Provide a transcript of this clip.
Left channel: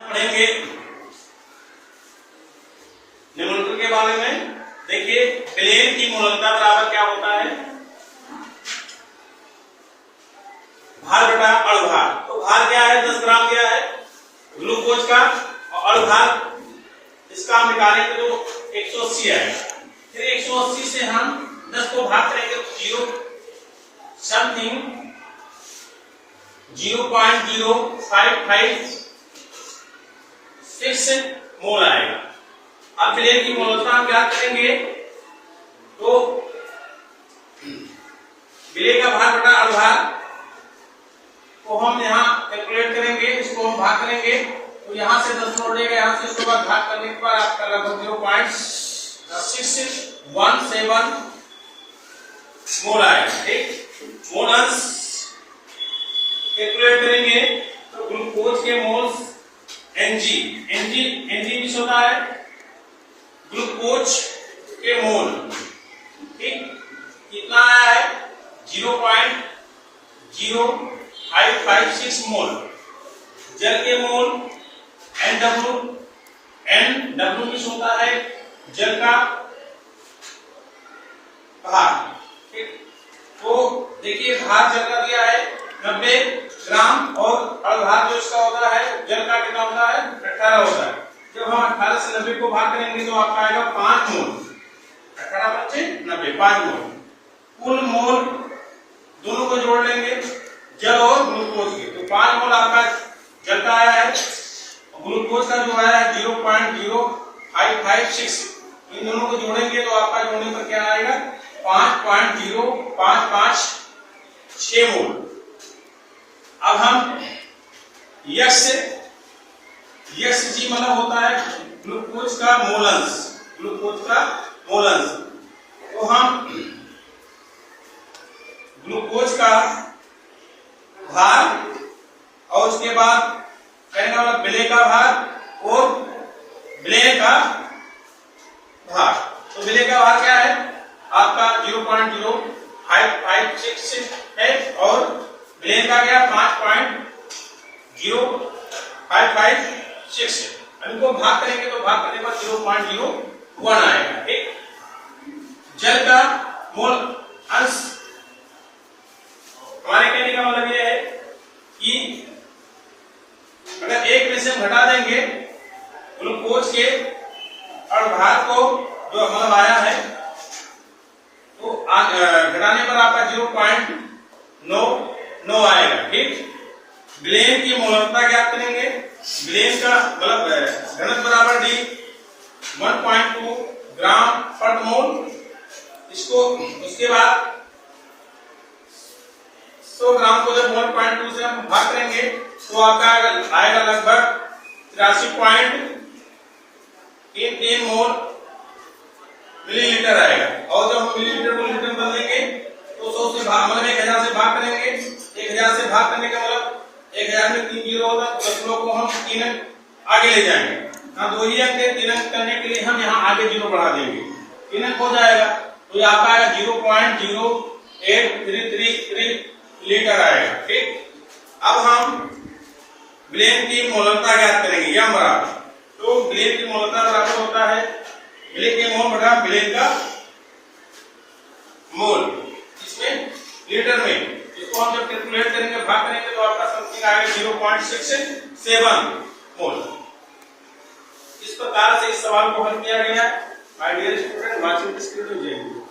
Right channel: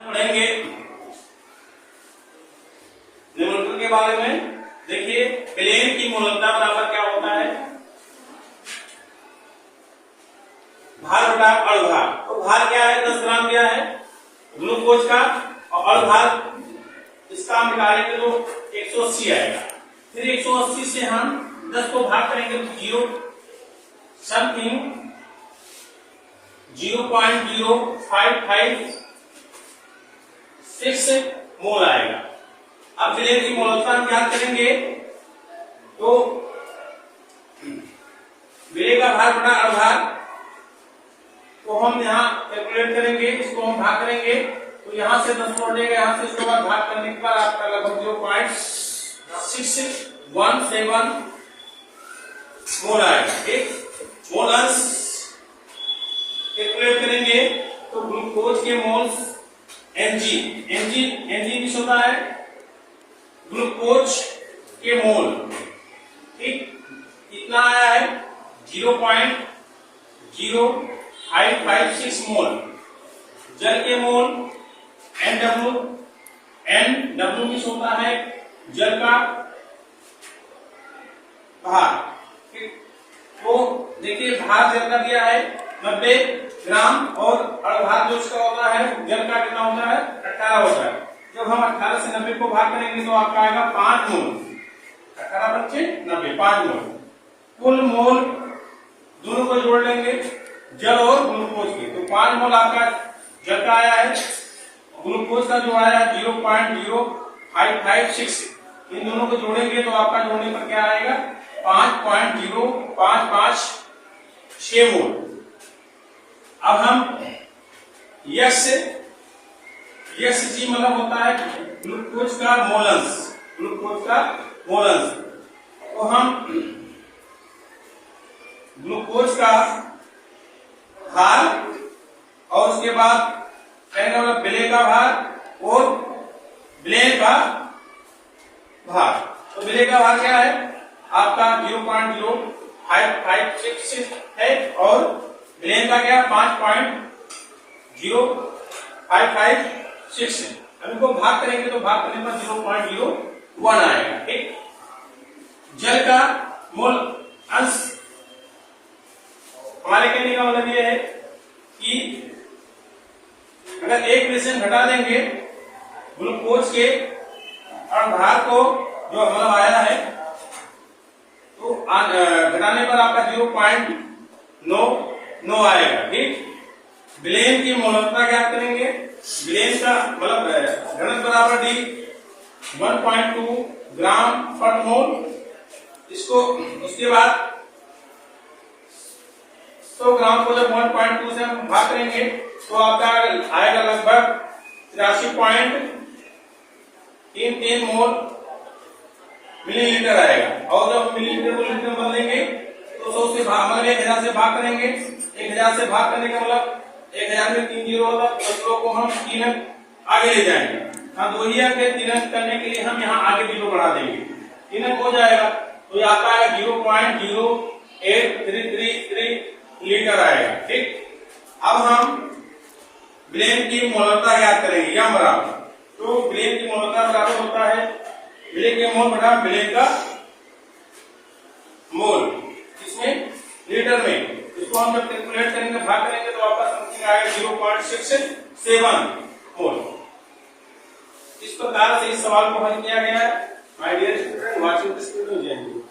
पढ़ेंगे निम्नलिखित के बारे में। देखिए प्लेन की मूललता बराबर क्या होता है, भार बटा अणुभार। तो भार क्या है, 10 ग्राम दिया है ग्लूकोज का, और अणुभार इसका हम निकालेंगे तो 180 आएगा। फिर 180 से हम 10 को भाग करेंगे तो 0.0556 मोल आएगा। अब प्लेन की मूललता हम क्या करेंगे, तो विलेय का भार बटा अणुभार को हम यहाँ कैलकुलेट करेंगे, इसको हम भाग करेंगे तो यहाँ से 10 छोड़ेगा, यहाँ से उसके बाद भाग करने के बाद आपका लगभग 0.617 मोल आएगा। ठीक, मोलर्स कैलकुलेट करेंगे तो ग्लूकोज के मोल्स Mg होता है ग्लूकोज के मोल। ठीक, कितना आया है 0.0556 मोल। जल के मोल NW होता है जल का भार। ठीक, तो देखिए भार जल का दिया है 90 ग्राम और अणुभार जो इसका होता है जल का कितना होता है 18 होता है। जब हम 18 से 90 को भाग करेंगे तो आपका आएगा 5 मोल। 18 बच्चे 90 5 मोल। कुल मोल दोनों को जोड़ लेंगे जल और ग्लूकोज के, तो 5 मोल आपका जल का आया है, ग्लूकोज का जो आया है 0.0556। इन दोनों को जोड़ेंगे तो आपका जोड़ने पर क्या आएगा 5.0556 मोल। अब हम जी मतलब होता है ग्लूकोज का मोलंस, तो हम ग्लूकोज का भार और उसके बाद कहने वाला विलेय का भार और विलेय का भार। तो विलेय का भार क्या है आपका 0.0556 है और विलेय का क्या 5.0556 है। इनको भाग करेंगे तो भाग करने पर 0.01 आएगा। ठीक, जल का मोल अंश हमारे कहने का मतलब यह है कि अगर एक में से हम घटा देंगे ग्लूकोज के अणुभार को जो मतलब आया है, तो घटाने पर आपका 0.99 आएगा। ठीक, विलेय की मूललता ज्ञात करेंगे। विलेय का मतलब घनत्व बराबर D 1.2 ग्राम पर मोल। इसको उसके बाद 100 ग्राम को जब 1.2 से हम भाग करेंगे तो आपका आएगा लगभग 83.33 मोल मिलीलीटर आएगा। और जब हम मिलीलीटर को लीटर में बदलेंगे तो 100 से भाग मतलब 1000 से भाग करेंगे। 1000 से भाग करने का मतलब 1000 में 3 जीरो होगा, 10 को हम 3 अंक आगे ले जाएंगे। हाँ, 2 ही अंक 3 अंक करने के लिए हम यहाँ आगे जीरो बढ़ा देंगे, 3 अंक हो जाएगा तो ये आपका आएगा 0.0833 लीटर आएगा। ठीक, अब हम विलेय की मूललता ज्ञात करेंगे यम बराबर, तो विलेय की मूललता बराबर होता है विलेय के मोल बटा विलेय का मोल, इसमें लीटर में। इसको हम जब कैलकुलेट करेंगे भाग करेंगे तो आपका समथिंग आएगा 0.67 मोल। इस प्रकार से इस सवाल को हल किया गया है। My dear student, watching this video.